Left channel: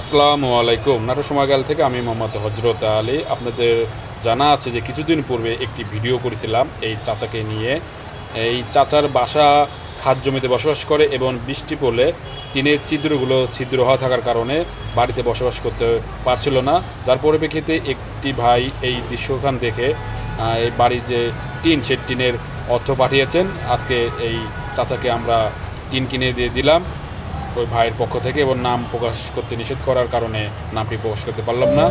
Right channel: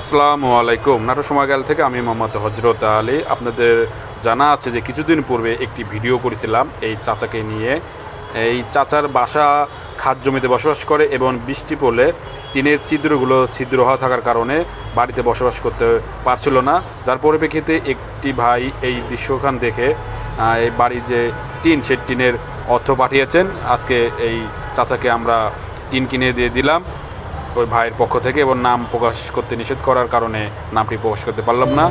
আসসালামু আলাইকুম। নাটোর সময়কাল থেকে আমি মোহাম্মদ হজরত আলী। আপনাদের জানা আছে যে কিছুদিন পূর্বে একটি ভিডিও করেছিলাম এই চাচাকে নিয়ে। এই চাচার বাসা খাদ জমিতে বসবাস করে এবং বৃষ্টি পড়লে টিনের ছিদ্র হওয়া থাকার কারণে বাড়িতে বসবাস করতে পারছিল না, যার পরিপ্রেক্ষিতে একটি ভাই এই দৃশ্যখান দেখে এই বাড়ির যে টিন সেই টিনের অর্থ পাঠিয়েছেন। আজকে এই চাচাকে আমরা টিন কিনে দিয়ে দিলাম ওই ভাইয়ের পক্ষ থেকে, এবং নাম প্রকাশ করতে নিষেধ করার কারণে নামটি প্রকাশ করতে পারলাম না।